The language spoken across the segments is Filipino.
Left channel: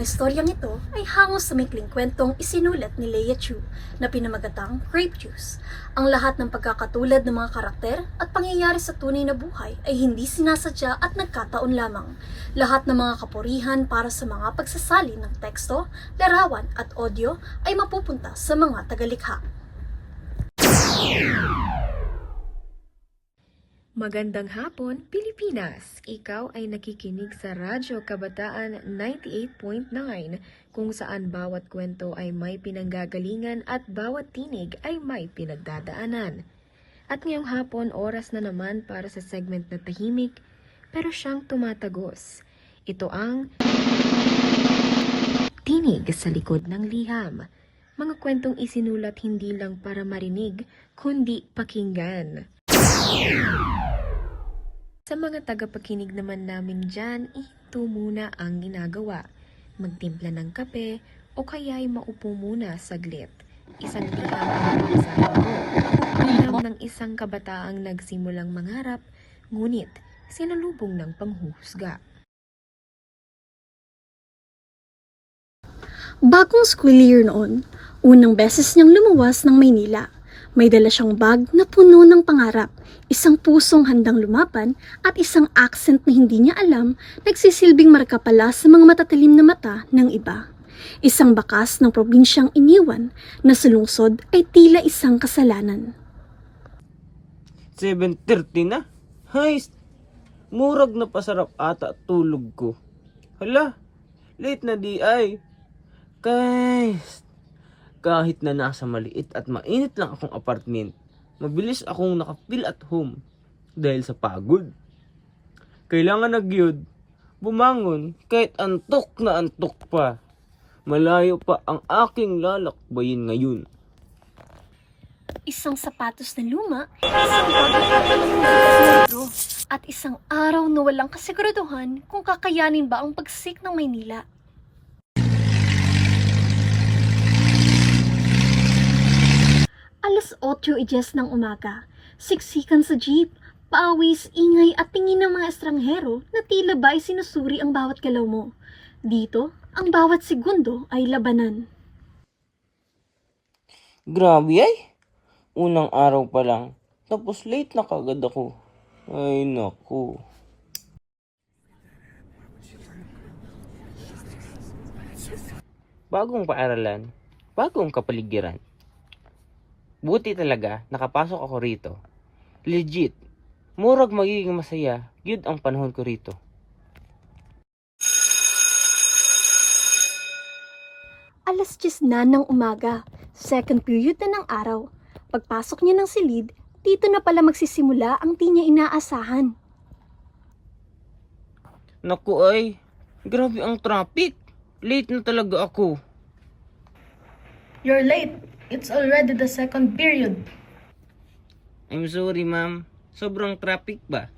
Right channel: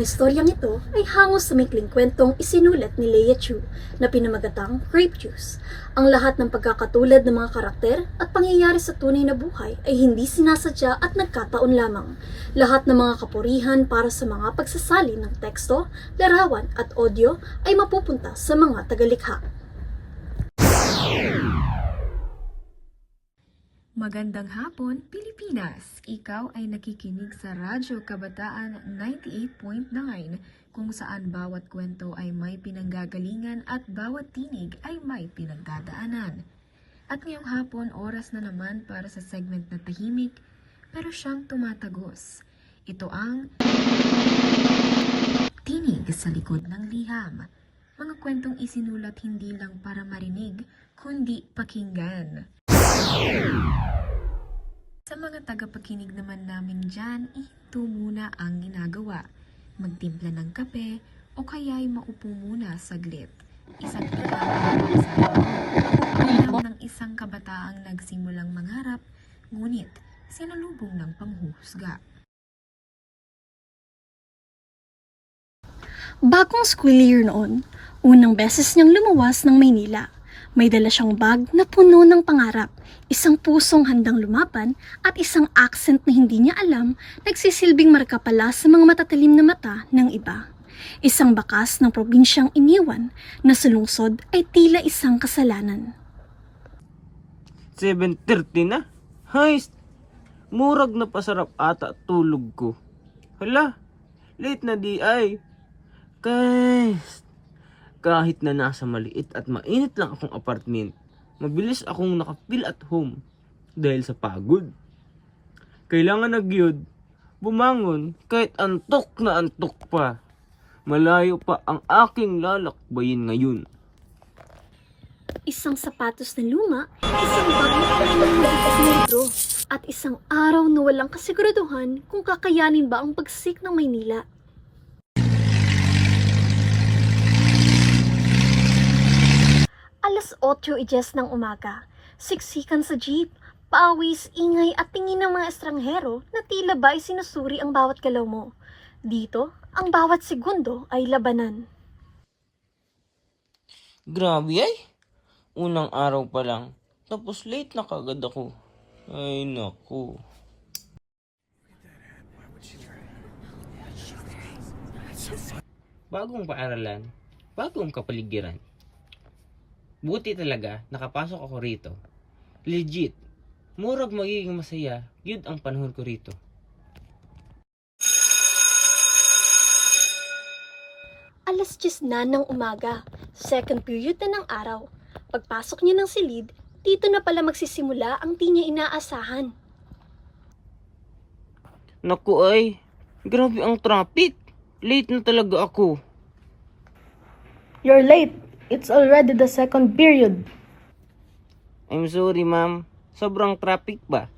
Ang istoryang ito ay hango sa maikling kwentong isinulat ni Leia Chu na pinamagatang Grape Juice. Ang lahat ng pagkakatulad ng mga karakter at pangyayari sa tunay na buhay ay hindi sinasadya at nagkataon lamang. Lahat ng mga kapurihan para sa mga pagsasali ng teksto, larawan at audio ay mapupunta sa mga tagalikha. Magandang hapon, Pilipinas! Ikaw ay nakikinig sa Radyo Kabataan 98.9 kung saan bawat kwento ay may pinanggagalingan at bawat tinig ay may pinagdadaanan. At ngayong hapon, oras na naman para sa segment na tahimik pero siyang tumatagos. Ito ang Tinig sa Likod ng Liham. Mga kwentong isinulat hindi lang para marinig, kundi pakinggan. Sa mga tagapakinig naman namin dyan, ito muna ang ginagawa. Magtimpla ng kape o kaya'y maupo muna saglit. Isang tigang ang ng isang kabataang nagsimulang mangarap, ngunit sinalubong ng panghuhusga. Bagong school year noon, unang beses niyang lumuwas ng Maynila. May dala siyang bag na puno ng pangarap, isang pusong handang lumaban at isang accent na hindi niya alam nagsisilbing marka pala sa mga matatalim na mata ng iba. Isang bakas ng probinsyang iniwan na sa lungsod ay tila isang kasalanan. 7:30 na? Heist! Murag na pasarap ata tulog ko. Hala, late na di ay. Kahit na nasa maliit at mainit lang akong apartment, mabilis akong nakafeel at home dahil sa pagod. Kailangan na gyud bumangon kahit antok na antok pa. Malayo pa ang aking lalakbayin ngayon. Isang sapatos na luma, isang bagong libro, at isang araw na walang kasiguraduhan kung kakayanin ba ang pagsik ng Maynila. Alas 8:10 ng umaga, siksikan sa jeep, pawis, ingay at tingin ng mga estranghero na tila ba ay sinusuri ang bawat galaw mo. Dito, ang bawat segundo ay labanan. Grabe ay! Unang araw pa lang, tapos late na kagad ako. Ay naku. Bagong paaralan, bagong kapaligiran. Buti talaga, nakapasok ako rito. Legit, murag magiging masaya, yun ang panahon ko rito. Alas 10 na ng umaga, second period na ng araw. Pagpasok niya ng silid, dito na pala magsisimula ang di niya inaasahan. Naku ay, grabe ang traffic. Late na talaga ako. You're late. It's already the second period. I'm sorry ma'am, sobrang traffic ba?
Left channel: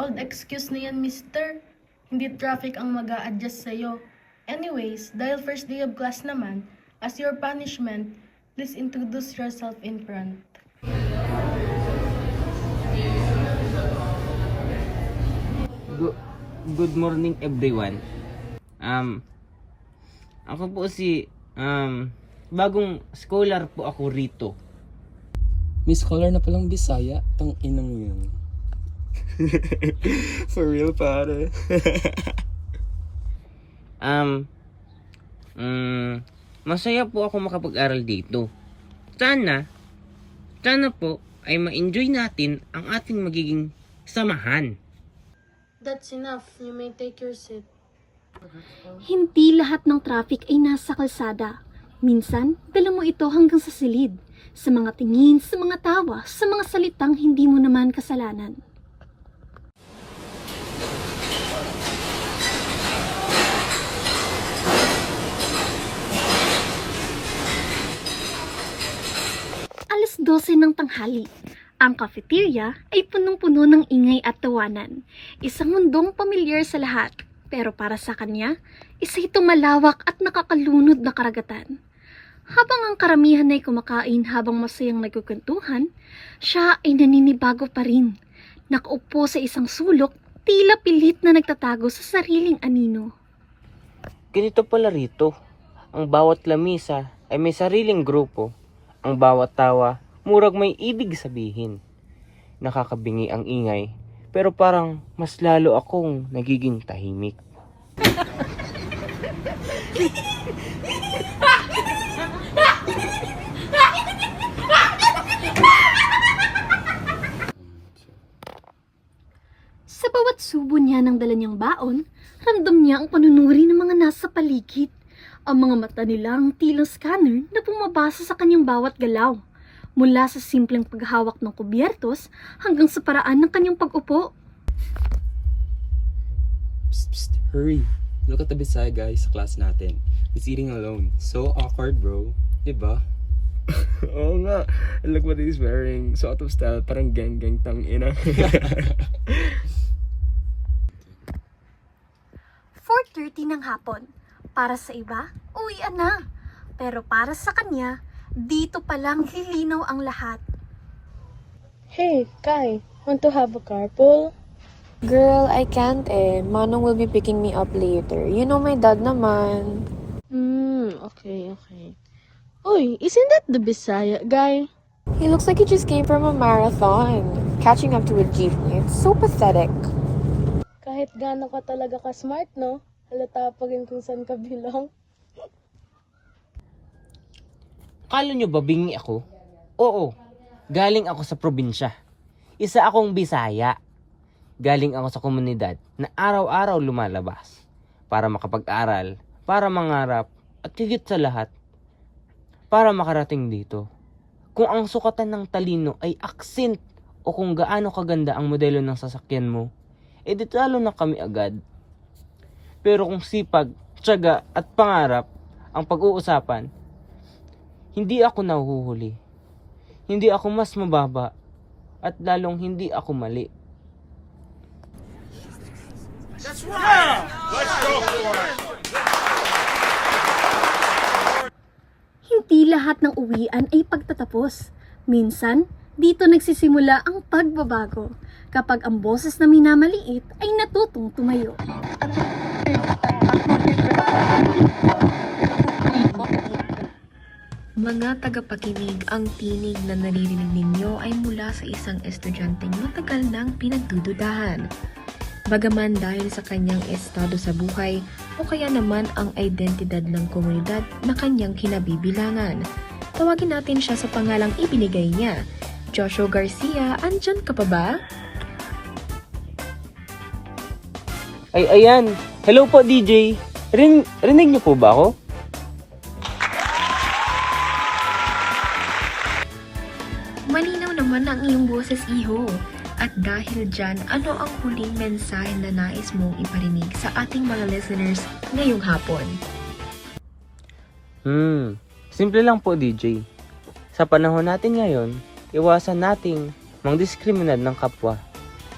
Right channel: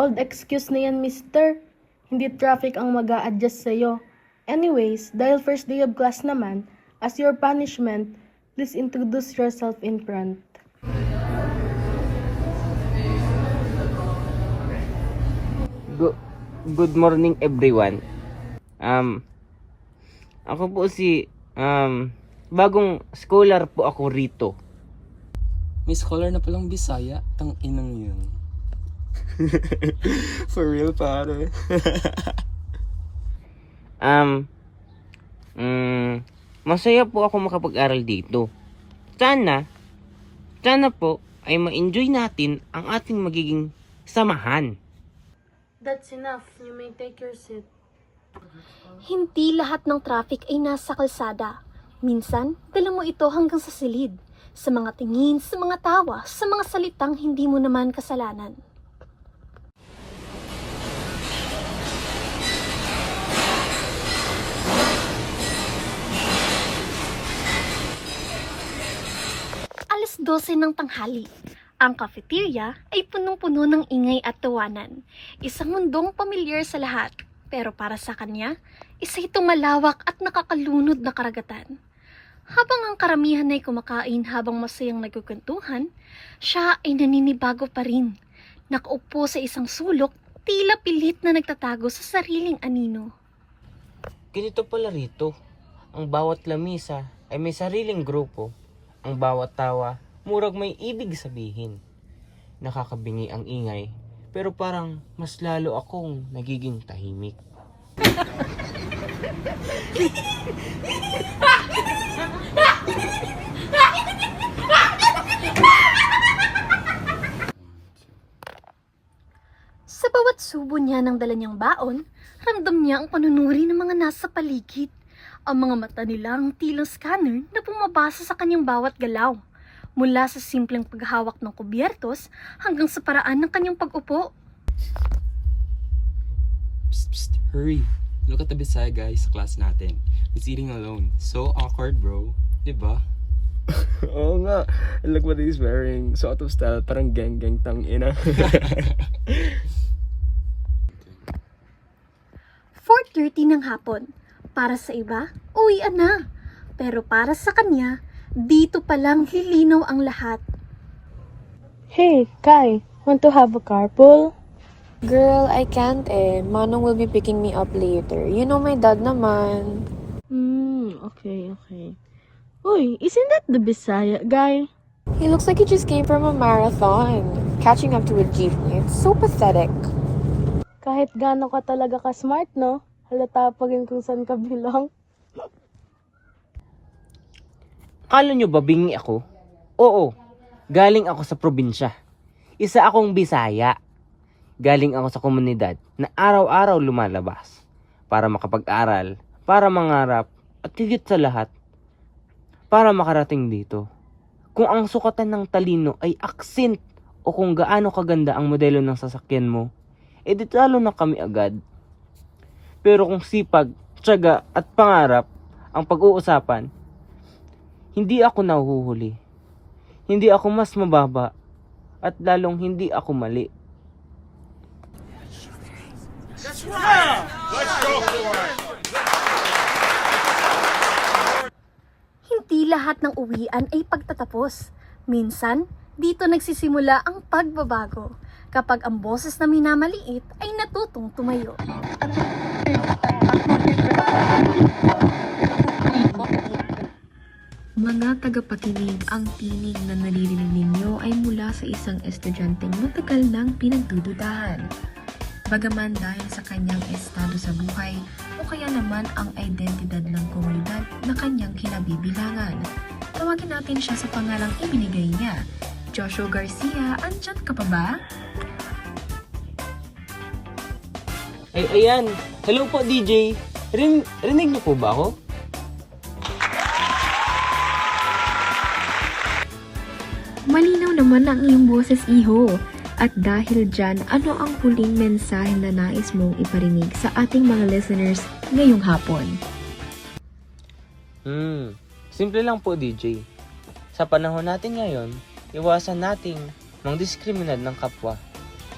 Old excuse na yan, mister. Hindi traffic ang mag-a-adjust sa'yo. Anyways, dahil first day of class naman, as your punishment, please introduce yourself in front. Good morning everyone. Ako po si bagong scholar po ako rito. May scholar na palang Bisaya, tang inang yun. For real, pare. Masaya po ako makapag-aral dito. Sana po ay ma-enjoy natin ang ating magiging samahan. That's enough. You may take your seat. Hindi lahat ng traffic ay nasa kalsada. Minsan, dala mo ito hanggang sa silid. Sa mga tingin, sa mga tawa, sa mga salitang hindi mo naman kasalanan. Alas 12 ng tanghali. Ang cafeteria ay punong-puno ng ingay at tawanan. Isang mundong pamilyar sa lahat. Pero para sa kanya, isa itong malawak at nakakalunod na karagatan. Habang ang karamihan ay kumakain habang masayang nagkukuntuhan, siya ay naninibago pa rin. Nakaupo sa isang sulok, tila pilit na nagtatago sa sariling anino. Ganito pala rito. Ang bawat lamisa ay may sariling grupo. Ang bawat tawa, murag may ibig sabihin. Nakakabingi ang ingay, pero parang mas lalo akong nagiging tahimik. Sa bawat subo niya ng dala niyang baon, ramdam niya ang panunuri ng mga nasa paligid. Ang mga mata nila ang tila scanner na pumabasa sa kanyang bawat galaw. Mula sa simpleng paghawak ng kubyertos hanggang sa paraan ng kanyang pag-upo. Psst, psst, hurry. Look at the Bisaya guy sa class natin. He's eating alone. So awkward, bro. Diba? Oo nga. Look what he's wearing. So out of style. Parang gang-gang tang-ina. 4:30 ng hapon. Para sa iba, uwian na. Pero para sa kanya, dito palang lilinaw ang lahat. Hey, Kai, want to have a carpool? Girl, I can't eh. Manong will be picking me up later. You know my dad naman. Okay. Uy, isn't that the Bisaya guy? He looks like he just came from a marathon. Catching up to a jeepney. It's so pathetic. Kahit gaano ka talaga ka-smart, no? Halata pa rin kung saan ka bilang. Akala nyo ba bingi ako? Oo. Galing ako sa probinsya. Isa akong Bisaya. Galing ako sa komunidad na araw-araw lumalabas para makapag-aral, para mangarap, at higit sa lahat, para makarating dito. Kung ang sukatan ng talino ay accent o kung gaano kaganda ang modelo ng sasakyan mo, edi talo na kami agad. Pero kung sipag, tiyaga at pangarap ang pag-uusapan, hindi ako nahuhuli. Hindi ako mas mababa at lalong hindi ako mali. Hindi lahat ng uwian ay pagtatapos. Minsan, dito nagsisimula ang pagbabago kapag ang boses na minamaliit ay natutong tumayo. Mga tagapakinig, ang tinig na naririnig ninyo ay mula sa isang estudyanteng matagal nang pinagdududahan. Bagaman dahil sa kanyang estado sa buhay o kaya naman ang identidad ng komunidad na kanyang kinabibilangan. Tawagin natin siya sa pangalang ibinigay niya. Joshua Garcia, andyan ka pa ba? Ay, ayan. Hello po, DJ. Rinig niyo po ba ako? Malinaw naman ang iyong boses, iho. At dahil dyan, ano ang huling mensahe na nais mong iparinig sa ating mga listeners ngayong hapon? Simple lang po, DJ. Sa panahon natin ngayon, iwasan nating mangdiskriminad ng kapwa.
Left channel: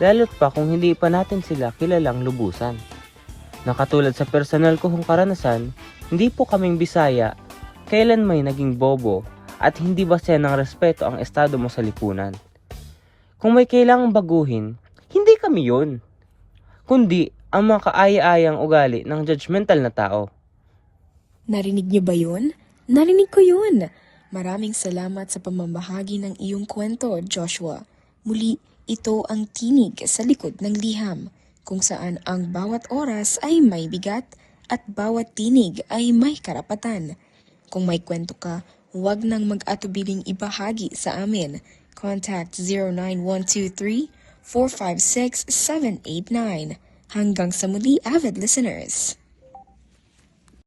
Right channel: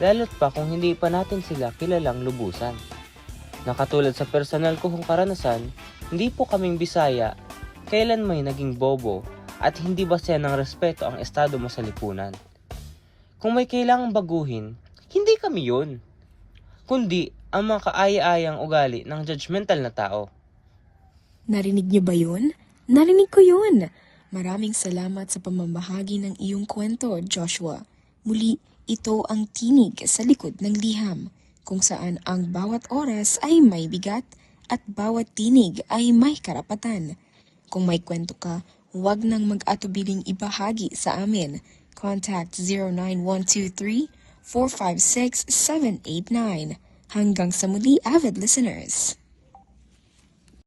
Lalo't pa kung hindi pa natin sila kilalang lubusan. Nakatulad sa personal kong karanasan, hindi po kaming Bisaya, kailan may naging bobo at hindi basehan ng respeto ang estado mo sa lipunan. Kung may kailangang baguhin, hindi kami yun, kundi ang mga kaaya-ayang ugali ng judgmental na tao. Narinig niyo ba yun? Narinig ko yun! Maraming salamat sa pamamahagi ng iyong kwento, Joshua. Muli, ito ang tinig sa likod ng liham, kung saan ang bawat oras ay may bigat at bawat tinig ay may karapatan. Kung may kwento ka, huwag nang mag-atubiling ibahagi sa amin. Contact 09123-456-789. Hanggang sa muli, avid listeners.